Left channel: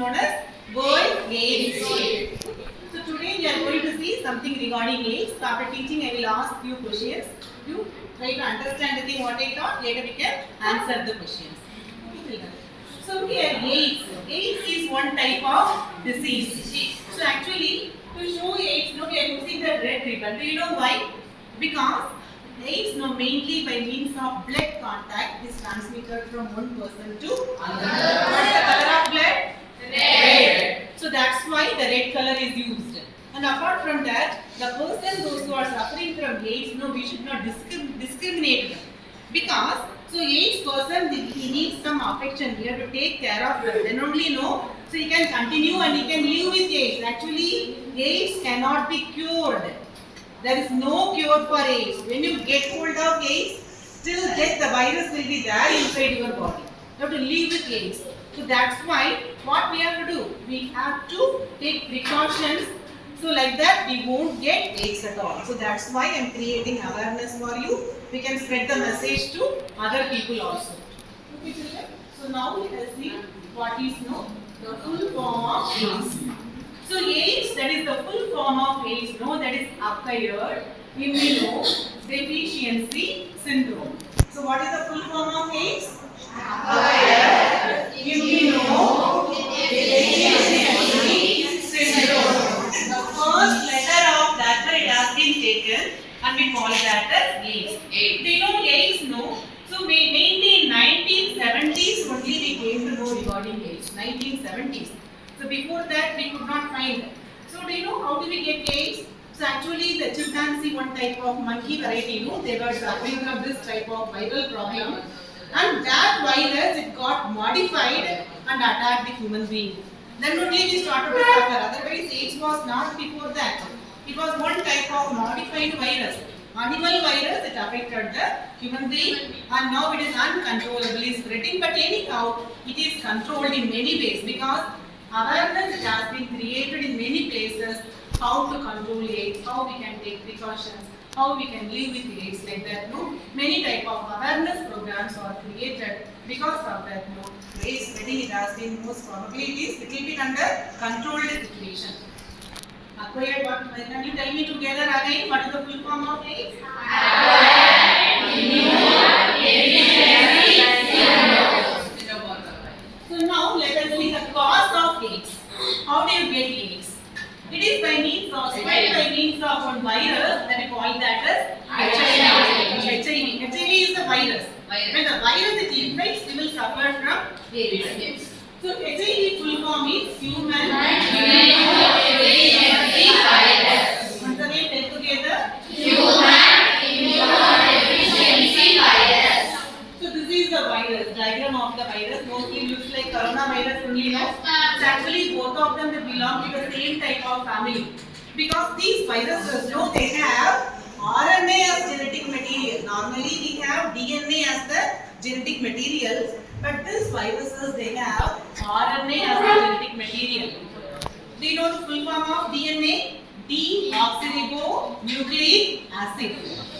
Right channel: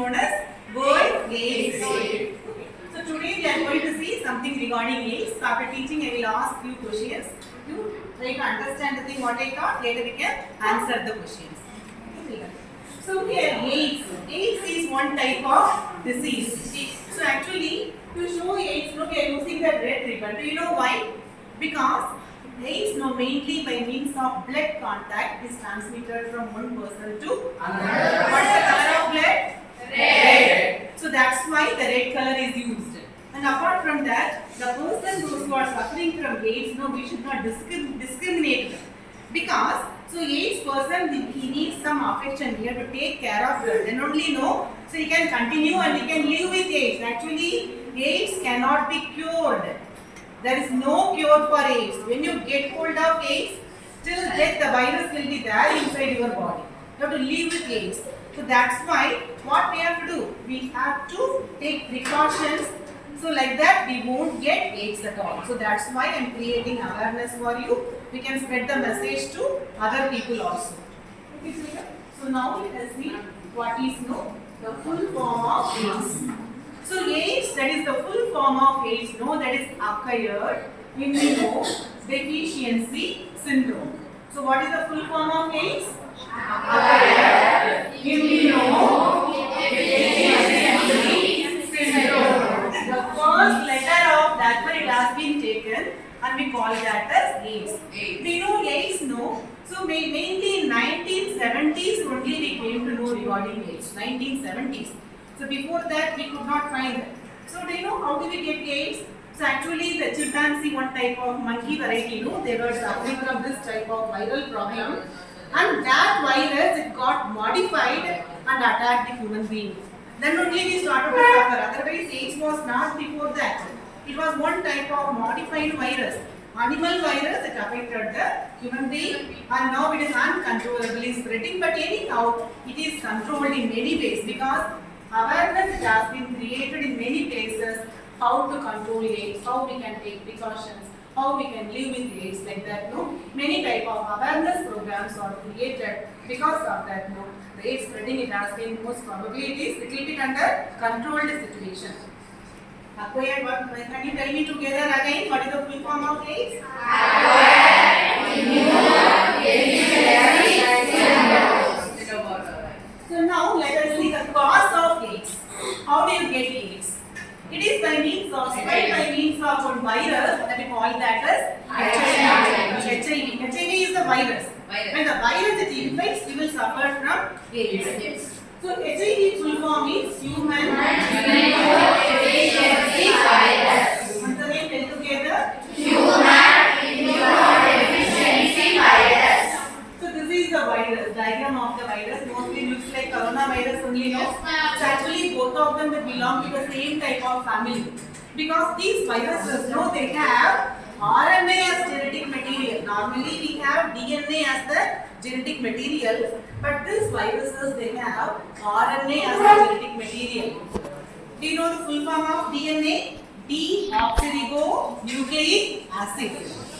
known as World AIDS Day. So today we are going to see something regarding AIDS. So after teaching, I will ask few questions. You try to understand the thing what I taught. Later we can answer the questions. So here AIDS. AIDS is one type of disease. So actually to show AIDS, we are using the red ribbon. Do you know why? Because AIDS mainly by means of blood contact is transmitted from one person to another. What is the color of blood? Red. So that's why the red color is used. And apart from that, the person those who are suffering from AIDS, we should not discriminate them. Because so AIDS person he needs some affection. We have to take care of them. Then only so he can continue and he can live with AIDS. Actually, AIDS cannot be cured. There is no cure for AIDS. When you get hold of AIDS, till death the virus will be there inside your body. You have to live with AIDS. So that's why what we have to do? We have to take precautions. So like that we won't get AIDS at all. So that's why I am creating awareness for you. We can spread the message to other people also. Okay, so now let us see what is the full form of AIDS. So AIDS, that is the full form of AIDS, that is acquired immunodeficiency syndrome. So what is the full form of AIDS? Acquired immunodeficiency syndrome. The first letter of that word has been taken and we call that as AIDS. Do you know AIDS? So mainly in 1970s only we came to know regarding AIDS. 1970s. So before that we could not find. So do you know how do we get AIDS? So actually the chimpanzee, one type of monkey variety, they were suffering from this type of viral problem. And that virus, it got modified and attacked the human being. Then only we started to suffer. Otherwise AIDS was not before that. It was one type of modified virus. Animal virus, it affected the human being and now it is uncontrollably spreading. But anyhow, it is controlled in many ways because awareness has been created in many places how to control AIDS, how we can take precautions, how we can live with AIDS like that. Many type of awareness programs are created because of that. AIDS spreading, it has been most probably it is little bit under controlled situation. Acquired what? Can you tell me together again what is the full form of AIDS? Acquired immunodeficiency syndrome. So now let us see the cause of AIDS. How do you get AIDS? It is by means of one virus that we call that as HIV. HIV is the virus. When the virus it infects, we will suffer from AIDS. So HIV full form is human immunodeficiency virus. Once again, tell together. Human immunodeficiency virus. So this is the virus, diagram of the virus. Mostly looks like coronavirus only. So actually both of them they belong to the same type of family. Because these viruses, they have RNA as genetic material. Normally we have DNA as the genetic material, but these viruses they have RNA as the genetic material. Do you know the full form of DNA? Deoxyribonucleic acid.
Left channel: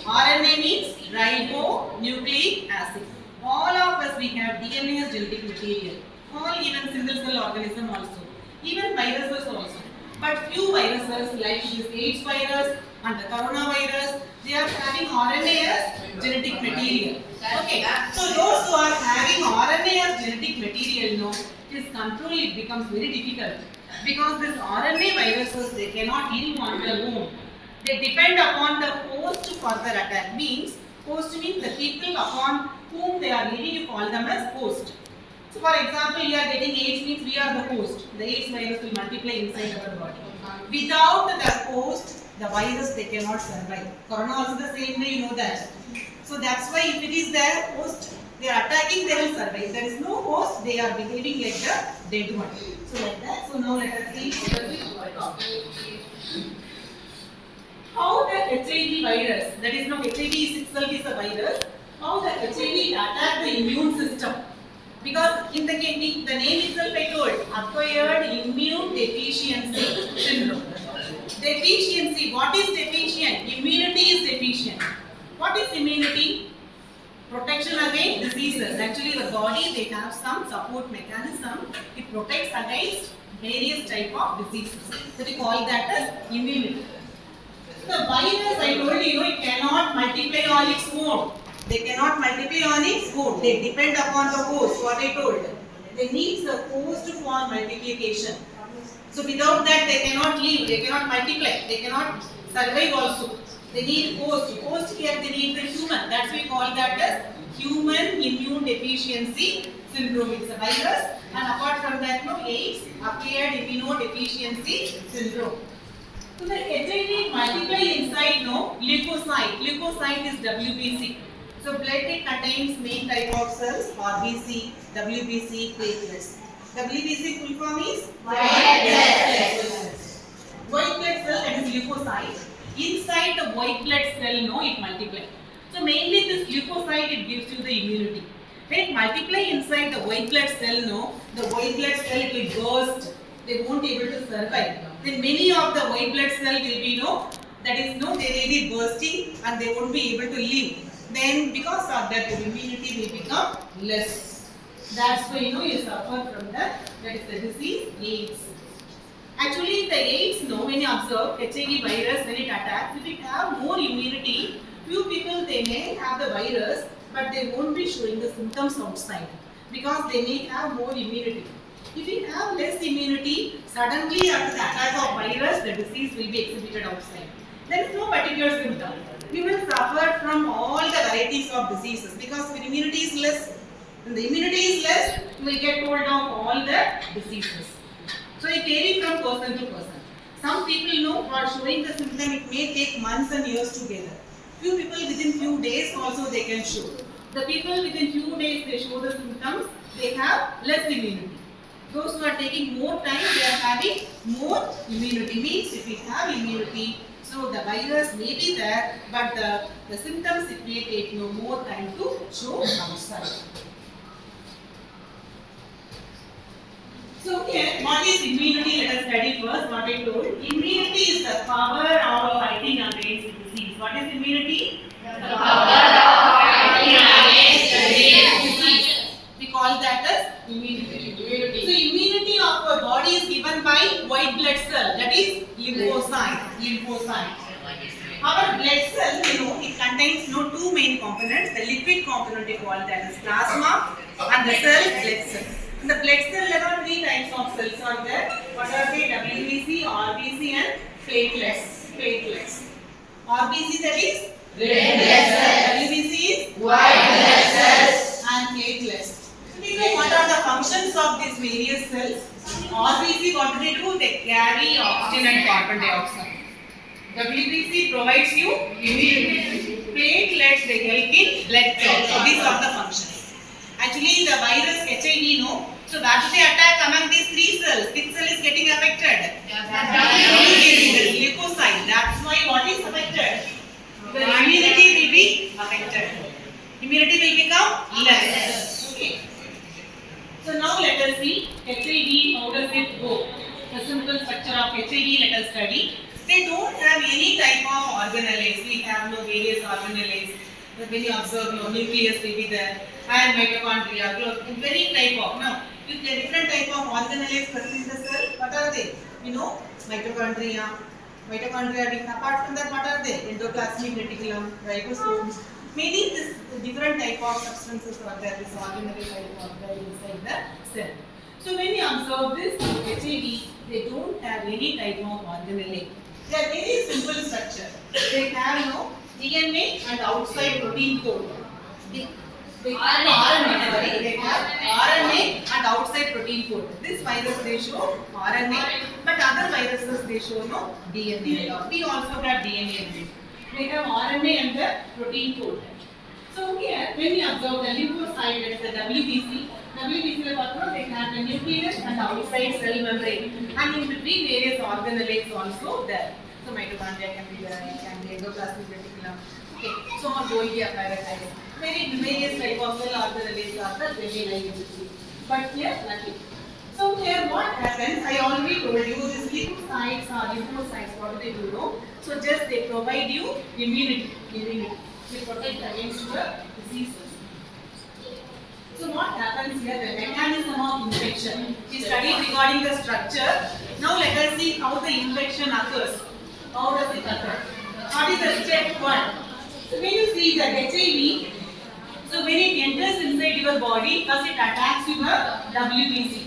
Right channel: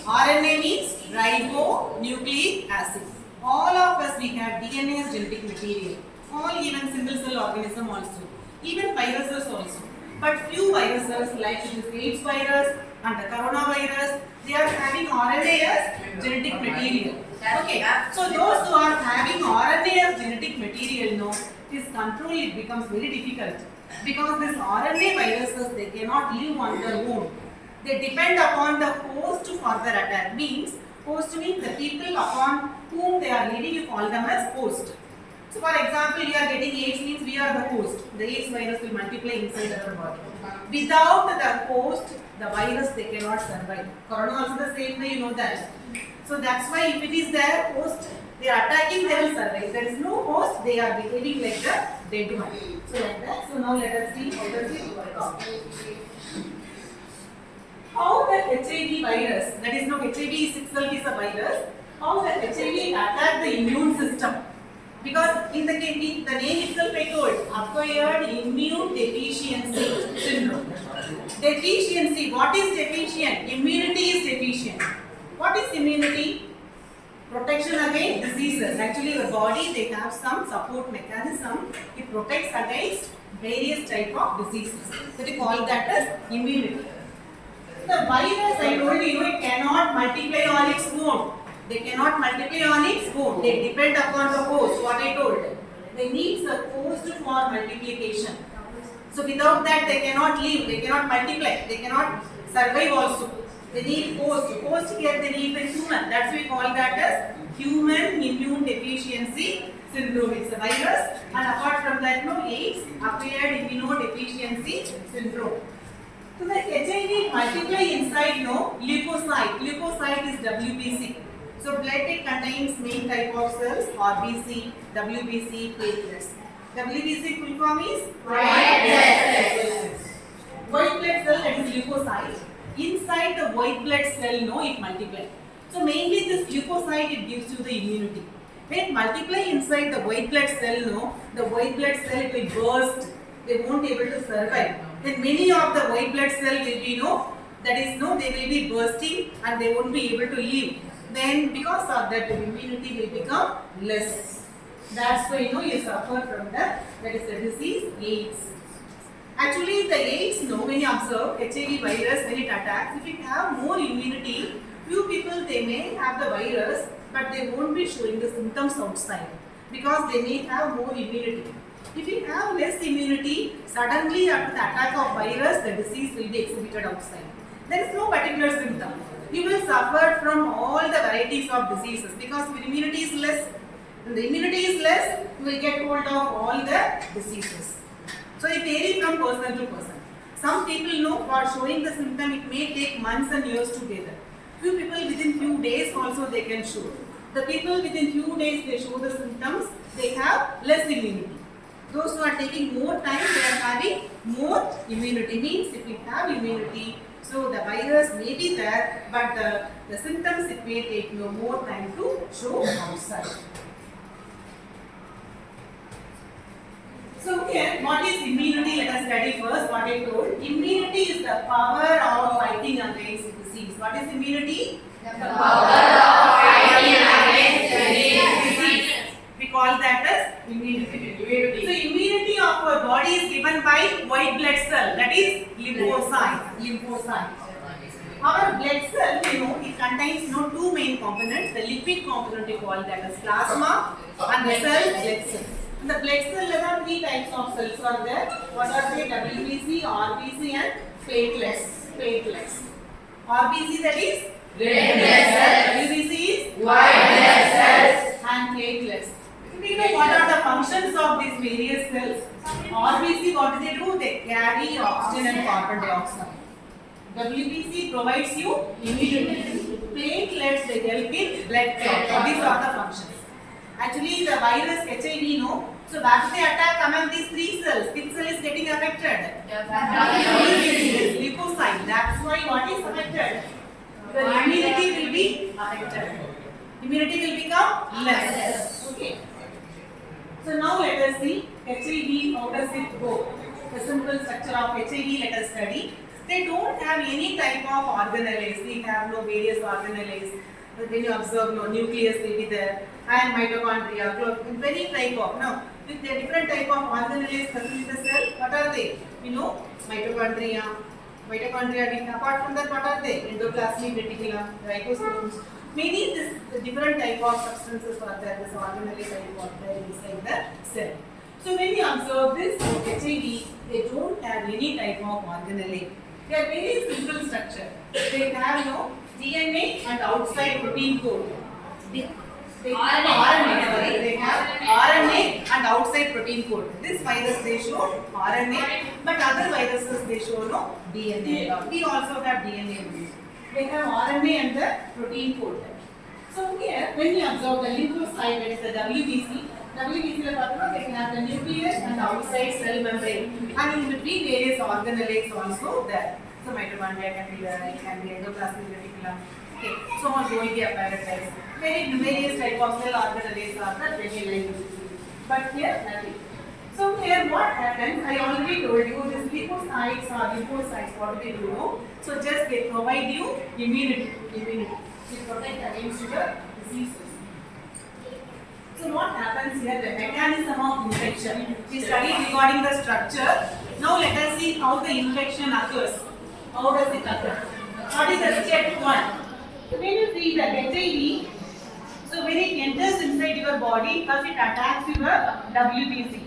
RNA means ribonucleic acid. All of us we have DNA as genetic material. All even single cell organism also. Even viruses also. But few viruses like this AIDS virus and the coronavirus, they are having RNA as genetic material. Okay, so those who are having RNA as genetic material, this control it becomes very difficult because this RNA viruses they cannot live on their own. They depend upon the host for their attack. Host means the people upon whom they are living, you call them as host. So for example, you are getting AIDS means we are the host. The AIDS virus will multiply inside our body. Without the host, the virus they cannot survive. Corona also the same way, you know that. So that's why if it is their host, they are attacking, they will survive. If there is no host, they are behaving like the dead one. So like that. So now let us see how the HIV virus, that is now HIV itself is a virus, how the HIV attack the immune system. Because in the name itself I told, acquired immune deficiency syndrome. Deficiency, what is deficient? Immunity is deficient. What is immunity? Protection against diseases. actually the body, they have some support mechanism. It protects against various type of diseases. So we call that as immunity. The virus, I told you, it cannot multiply on its own. They cannot multiply on its own. They depend upon the host, what I told. They need the host for multiplication. So without that, they cannot live, they cannot multiply, they cannot survive also. They need host. Host here, they need the human. That's why we call that as human immune deficiency syndrome. It's a virus. And apart from that, no, AIDS, acquired immunodeficiency syndrome. So the HIV multiply inside, no, leukocyte. Leukocyte is WBC. So blood, it contains main type of cells, RBC, WBC, platelets. WBC full form is white blood cells. White blood cell, that is leukocyte. Inside the white blood cell, no, it multiplies. So mainly this leukocyte, it gives you the immunity. When it multiply inside the white blood cell, no, the white blood cell, it will burst. They won't be able to survive. Then many of the white blood cell will be, no, that is, no, they will be bursting and they won't be able to live. Then because of that, the immunity will become less. That's why, you know, you suffer from that is the disease AIDS. Actually, the AIDS, no, when you observe HIV virus, when it attacks, if it have more immunity, few people, they may have the virus, but they won't be showing the symptoms outside because they may have more immunity. If you have less immunity, suddenly after the attack of virus, the disease will be exhibited outside. There is no particular symptom. You will suffer from all the varieties of diseases because your immunity is less. When the immunity is less, you will get hold of all the diseases. So it varies from person to person. Some people know for showing the symptom, it may take months and years together. Few people within few days also they can show. The people within few days they show the symptoms, they have less immunity. Those who are taking more time, they are having more immunity. Means if we have immunity, so the virus may be there, but the symptoms, it may take no more time to show outside. So here, what is immunity? Let us study first what I told. Immunity is the power of fighting against disease. What is immunity? The power of fighting against disease. We call that as immunity. So immunity of our body is given by white blood cell, that is lymphocyte. Our blood cell, you know, it contains two main components. The liquid component we call that as plasma and the cell blood cell. In the blood cell level, three types of cells are there. What are they? WBC, RBC and platelets. RBC, that is red blood cells. WBC is white blood cells and platelets. So we know what are the functions of these various cells. RBC, what do they do? They carry oxygen and carbon dioxide. WBC provides you immunity. Platelets, they help in blood clot. These are the functions. Actually, the virus HIV, no. So, where do they attack among these three cells? Which cell is getting affected? Leukocyte. That's why what is affected? The immunity will be affected. Immunity will become less. Okay. So now let us see HIV. How does it go? The simple structure of HIV. Let us study. They don't have any type of organelles. We have no various organelles. When you observe, no nucleus will be there, and mitochondria, very type of, no, with the different type of organelles present in the cell. What are they? You know, mitochondria. Apart from that, what are they? Endoplasmic reticulum, ribosomes. Many this different type of substances are there. This organelle type of there inside the cell. So when you observe this HIV, they don't have any type of organelle. They are very simple structure. They have no DNA and outside protein code. They have RNA. They have RNA and outside protein code. This virus they show RNA, but other viruses they show no DNA. We also have DNA. They have RNA and the protein code. So here, when we observe the lymphocyte, that is the WBC. WBC they have the nucleus and outside cell membrane, and in between various organelles also there. So mitochondria can be there, it can be endoplasmic reticulum. Okay, so on Golgi apparatus. Various type of cell organelles are there, they will lie in between. But here nothing. So here what happens? I already told you these leukocytes or lymphocytes, what do they do? So just they provide you immunity. They protect against your diseases. So infection. We studied regarding the structure. Now let us see how the infection occurs. How does it occur? What is the step 1? So when you see the HIV, so when it enters inside your body, first it attacks your WBC.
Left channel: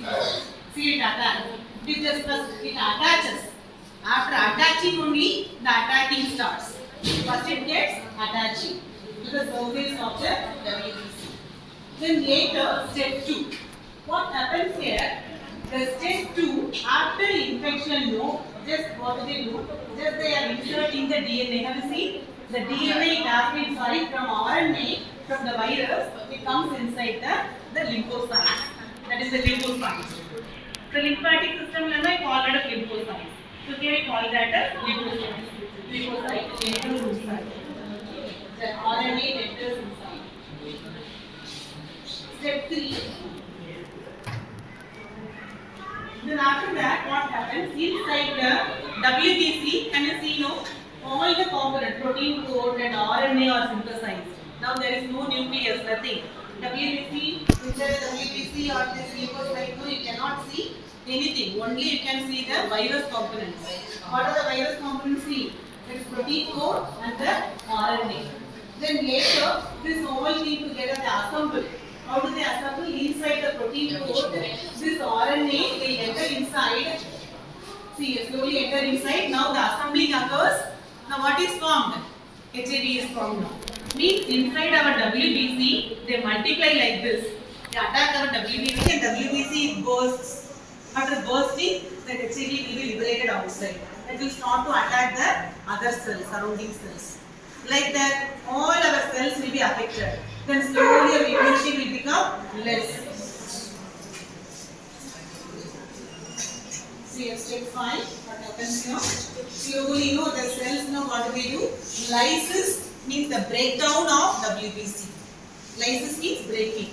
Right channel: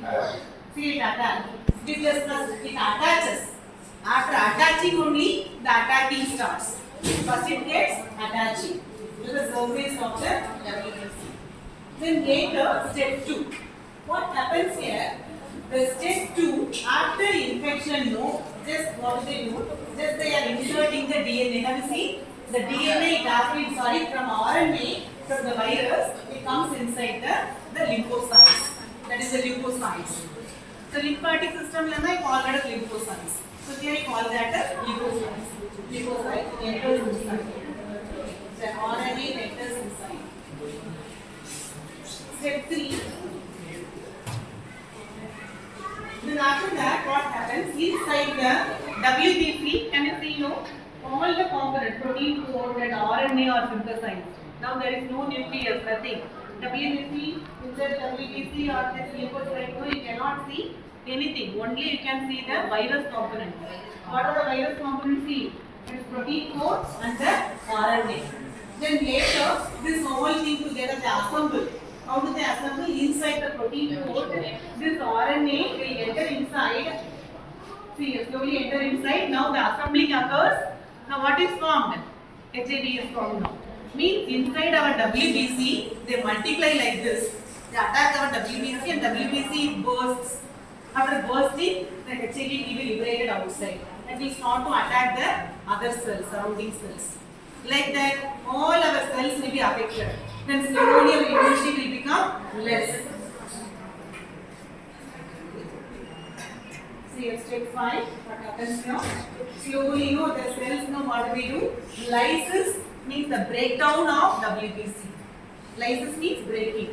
See it attack. It attaches. After attaching only, the attacking starts. First it gets attaching to the surface of the WBC. Then later, step 2. What happens here? The step 2, after infection, just what do? Just they are inserting the DNA. Have you seen? The DNA plasmid, from RNA, from the virus, it comes inside the lymphocytes. That is the lymphocytes. The lymphatic system, I call it as lymphocytes. So here I call that as lymphocytes. Lymphocyte enters inside. The RNA enters inside. Step 3. Then after that, what happens inside the WBC? Can you see? All the components, protein code and RNA are synthesized. Now there is no nucleus, nothing. WBC, inside WBC or this lymphocyte, you cannot see anything. Only you can see the virus components. What are the virus components? See, it is protein code and the RNA. Then later, this whole thing together they assemble. How do they assemble? Inside the protein code, this RNA will enter inside. See, slowly enter inside. Now the assembling occurs. Now what is formed? HIV is formed now. Means inside our WBC, they multiply like this. They attack our WBC and WBC bursts. After bursting, the HIV will be liberated outside. It will start to attack the other cells, surrounding cells. Like that, all our cells will be affected. Then slowly our immunity will become less. See, step 5, what happens now? Slowly, the cells, what do we do? Lysis means the breakdown of WBC. Lysis means breaking.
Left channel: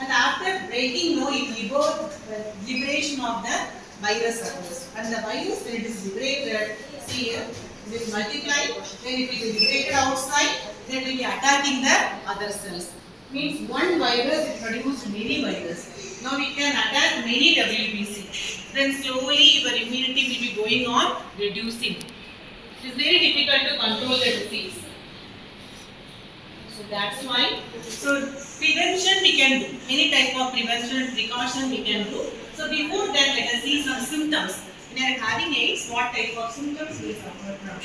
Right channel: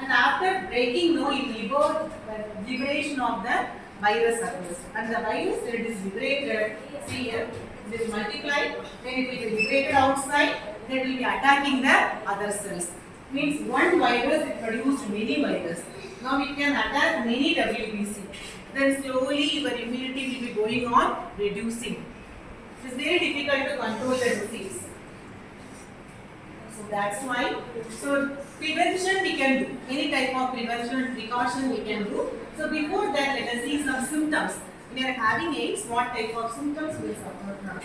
And after breaking, liberation of the virus occurs. And the virus, when it is liberated, see here, it is multiplied, then it will be liberated outside, then it will be attacking the other cells. Means one virus, it produced many viruses. Now we can attack many WBC. Then slowly your immunity will be going on reducing. It is very difficult to control the disease. So that's why. So prevention we can do. Any type of prevention and precaution we can do. So before that, let us see some symptoms. When you are having AIDS, what type of symptoms will suffer from?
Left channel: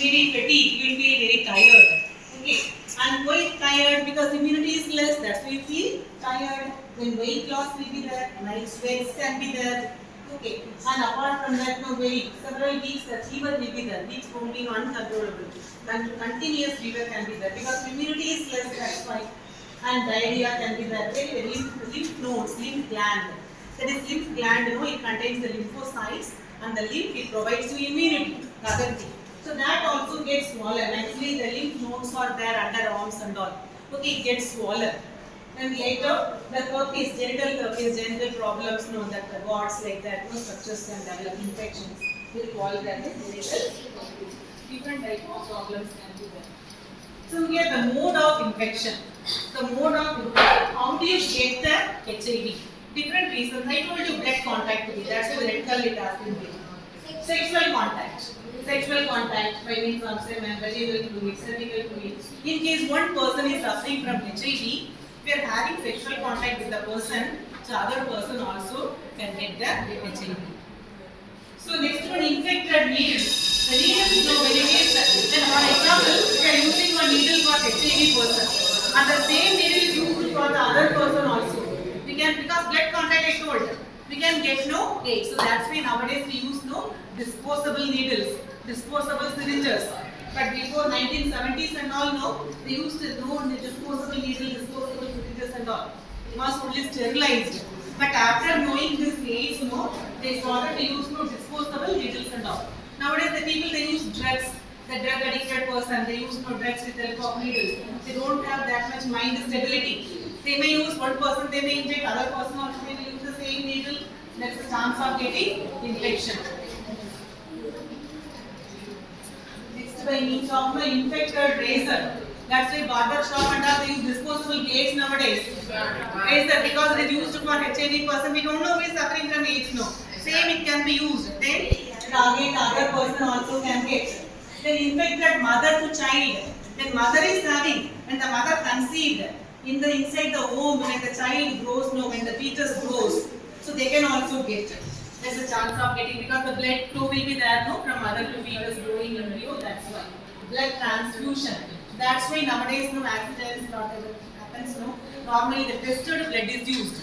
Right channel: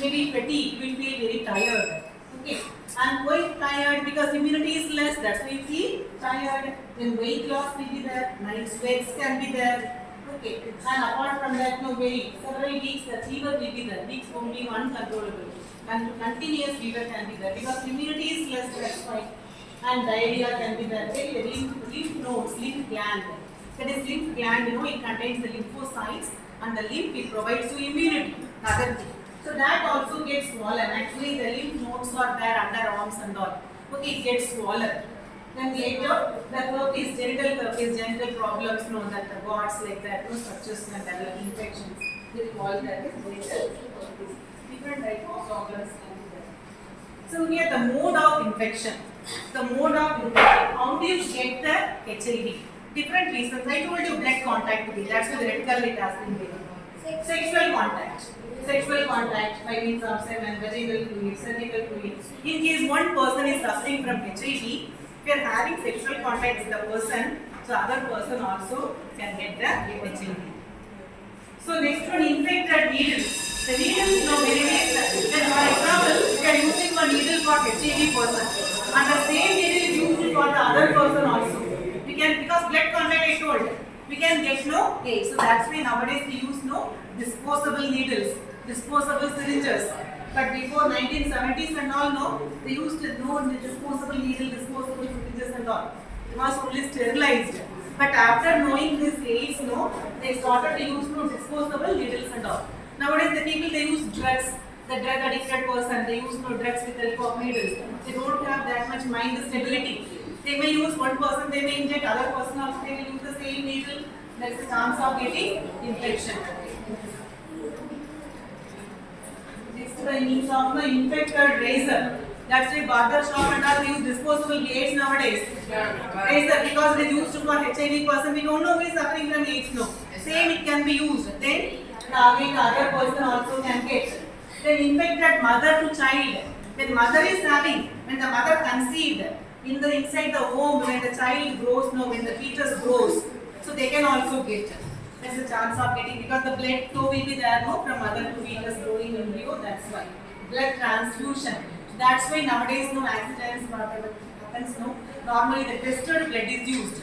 Maybe fatigue, you will feel very tired. Okay. And why tired? Because immunity is less, that's why you feel tired. Then weight loss will be there, night sweats can be there. Okay. And apart from that, several weeks the fever will be there. Weeks won't be uncontrollable. Continuous fever can be there because immunity is less, that's why. And diarrhea can be there. Lymph nodes, lymph gland. That is lymph gland, it contains the lymphocytes and the lymph it provides you immunity. Other thing. So that also gets swollen. Actually, the lymph nodes are there under arms and all. Okay, it gets swollen. Then later, the herpes, genital problems, that the warts like that, structures can develop infections. We call that genital. Different types of problems can be there. So here the mode of infection. The mode of infection. How do you get the HIV? Different reasons. I told you blood contact to be. That's why the red color it has been given. Sexual contact. Sexual contact by means of semen, vaginal fluid, cervical fluid. In case one person is suffering from HIV, we are having sexual contact with the person, so other person also can get the HIV. So next one, infected needles. The needles very ways. Then for example, we are using one needle for HIV person, and the same needle is used for the other person also. We can, because blood contact I told, we can get AIDS. So that's why nowadays we use disposable needles, disposable syringes. But before 1970s and all, they used disposable needle, disposable syringes and all. It was only sterilized. But after knowing this AIDS, they started to use disposable needles and all. Nowadays the people they use drugs. The drug addicted person, they use drugs with help of needles. They don't have that much mind stability. They may use one person, they may inject other person, or they will use the same needle. There is a chance of getting infection. Next, by means of the infected razor. That's why barber shop and all they use disposable blades nowadays. Yes, sir, because it is used for HIV person. We don't know who is suffering from AIDS. No. Same it can be used. Then again the other person also can get. Then infect that mother to child. When mother is having, when the mother conceived, in the inside the womb, when the child grows, no, when the fetus grows, so they can also get. There's a chance of getting because the blood flow will be there, no, from mother to fetus growing embryo. That's why blood transfusion. That's why nowadays no accidents happens. No, normally the tested blood is used.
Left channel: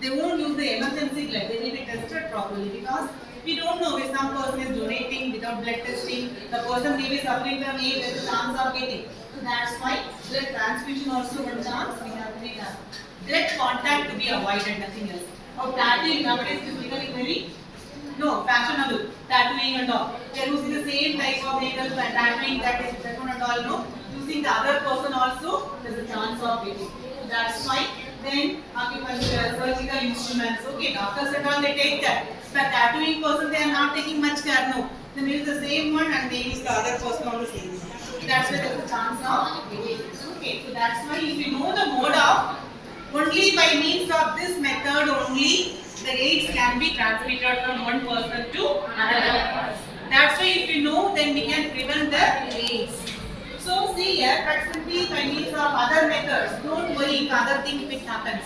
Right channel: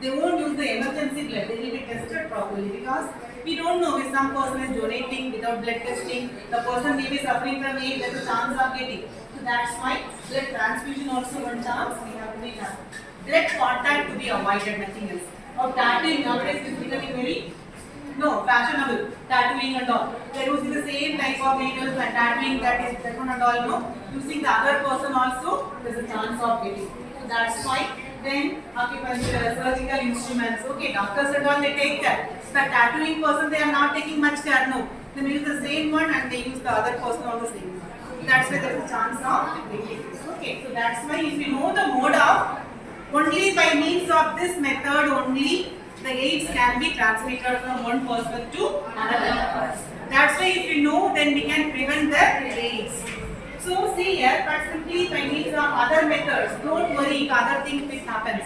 They won't use the emergency blood. They will be tested properly because we don't know if some person is donating without blood testing. The person may be suffering from AIDS. There's a chance of getting. So that's why blood transfusion also one chance we have to make that. Blood contact to be avoided, nothing else. Or tattooing nowadays is becoming very fashionable. Tattooing and all. They are using the same type of nails and tattooing that one and all. No, using the other person also there's a chance of getting. So that's why. Then acupuncture, surgical instruments. Okay, doctors and all they take that. But tattooing person they are not taking much care. No, they use the same one and they use the other person on the same one. That's why there is a chance of getting. Okay, so that's why if you know the mode of only by means of this method only the AIDS can be transmitted from one person to another. That's why if you know then we can prevent the AIDS. So see here, but simply by means of other methods, don't worry if other things which happens.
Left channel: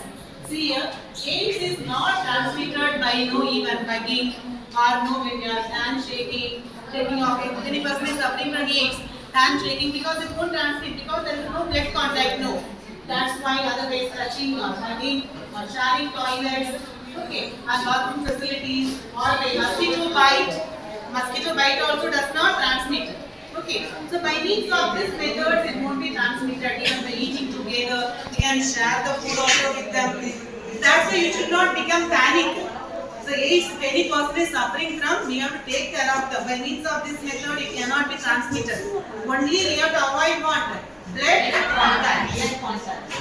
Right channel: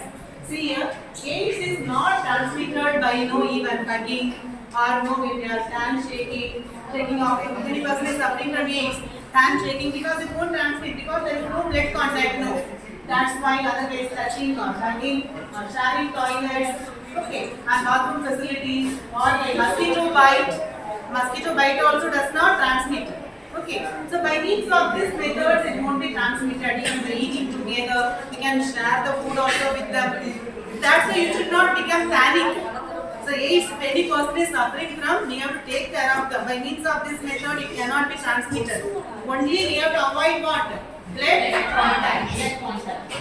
See here, AIDS is not transmitted by even hugging or when you are hand shaking, shaking off. If any person is suffering from AIDS, hand shaking because it won't transmit because there is no blood contact. No, that's why otherwise touching or hugging or sharing toilets, okay, and bathroom facilities or by mosquito bite. Mosquito bite also does not transmit. Okay, so by means of this methods, it won't be transmitted. Even by eating together, you can share the food also with them. That's why you should not become panic. So AIDS, if any person is suffering from, we have to take care of them. By means of this method, it cannot be transmitted. Only we have to avoid what? Blood contact. Blood contact.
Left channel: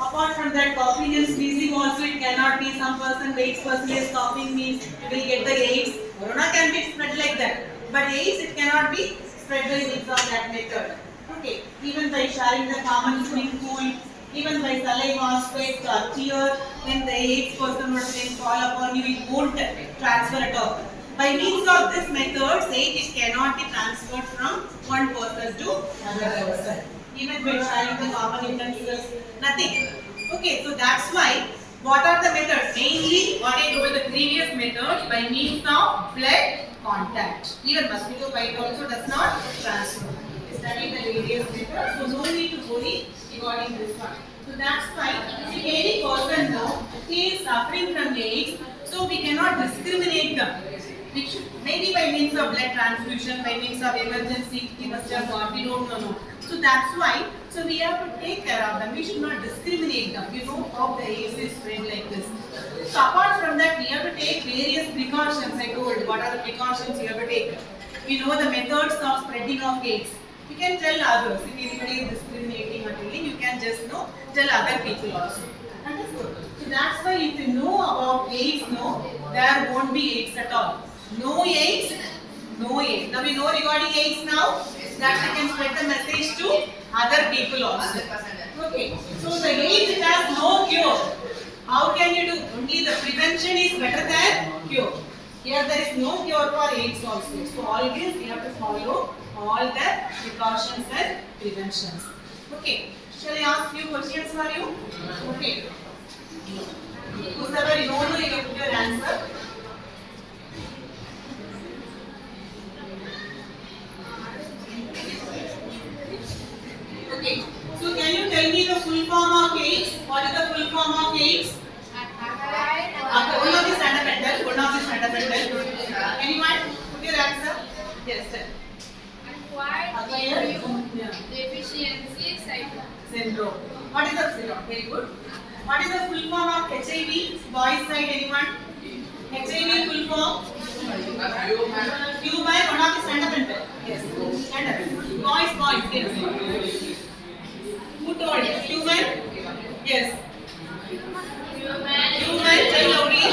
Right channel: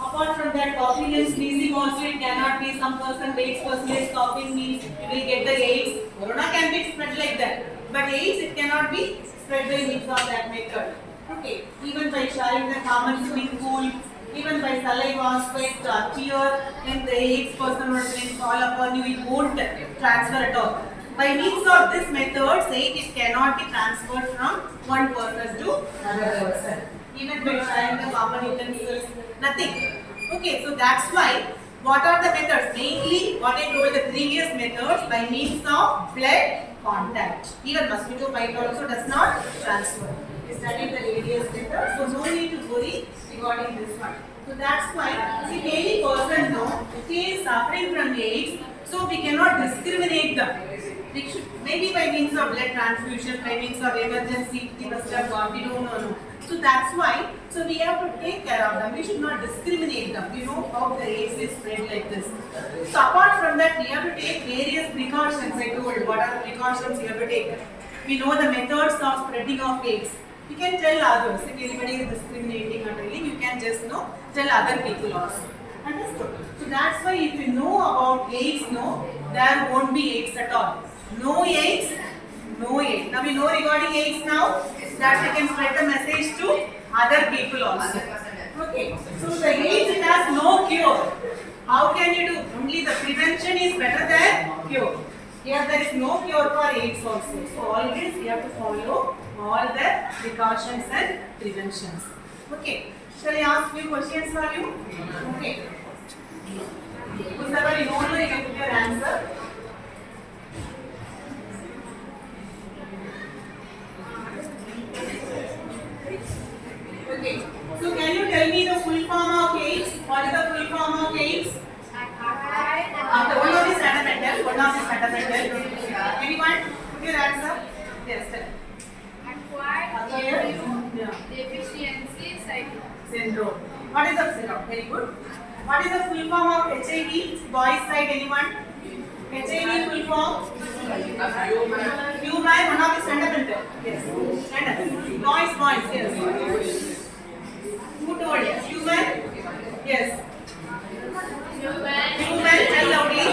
Apart from that, coughing and sneezing also it cannot be. Some person, AIDS person is coughing means you will get the AIDS. Corona can be spread like that. But AIDS it cannot be spread by means of that method. Okay. Even by sharing the common swimming pool, even by saliva, sweat or tear, when the AIDS person would fall upon you, it won't transfer at all. By means of this method, AIDS it cannot be transferred from one person to another person. Even by sharing the common utensils, nothing. Okay, so that's why what are the methods? Mainly what I told the previous methods by means of blood contact. Even mosquito bite also does not transfer. We studied the various methods, so no need to worry regarding this one. So that's why if any person know he is suffering from AIDS, so we cannot discriminate them. We should, maybe by means of blood transfusion, by means of emergency, he must have got, we don't know. No. So that's why, so we have to take care of them. We should not discriminate them. You know how the AIDS is spread like this. So apart from that, we have to take various precautions. I told what are the precautions you have to take. We know the methods of spreading of AIDS. You can tell others. If anybody is discriminating or telling, you can just tell other people also. Understood? So that's why if you know about AIDS, there won't be AIDS at all. No AIDS, no AIDS. Now we know regarding AIDS now that we can spread the message to other people also. Okay. So the AIDS it has no cure. How can you do? Only the prevention is better than cure. Here there is no cure for AIDS also. So always we have to follow all the precautions and preventions. Okay. Shall I ask few questions for you? Okay. Whoever you don't know, you can put your answer. Okay. So can you tell me the full form of AIDS? What is the full form of AIDS? One of these fundamental. One of these fundamental. Anyone? Put your answer. Yes, sir. Acquired deficiency syndrome. What is the syndrome? Very good. What is the full form of HIV? Boys side, anyone? HIV full form? Human. One of these fundamental. Yes. Stand up. Boys. Yes. Who told? Human? Yes. Human, tell loudly.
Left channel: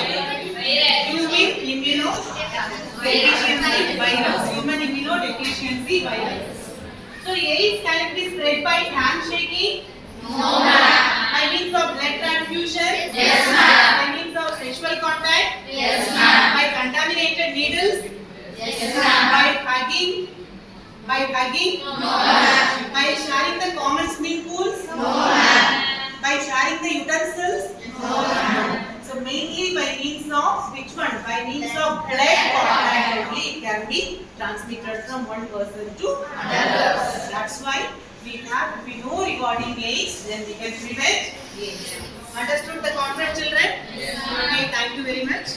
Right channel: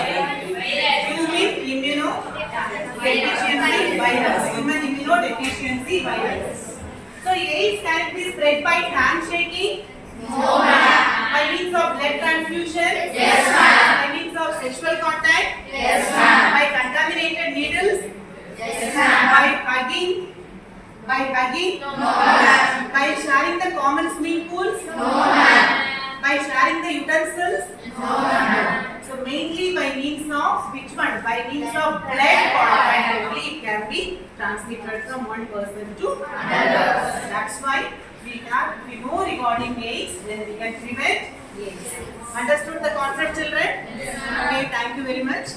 Human immunodeficiency virus. Human immunodeficiency virus. by handshaking? No, ma'am. By means of blood transfusion? Yes, ma'am. By means of sexual contact? Yes, ma'am. By contaminated needles? Yes, ma'am. By hugging? By hugging? No, ma'am. By sharing the common swimming pools? No, ma'am. By sharing the utensils? No, ma'am. So mainly by means of which one? By means of blood contact only it can be transmitted from one person to another. That's why if we know regarding AIDS, then we can prevent AIDS. Understood the concept, children? Yes, Okay, thank you very much.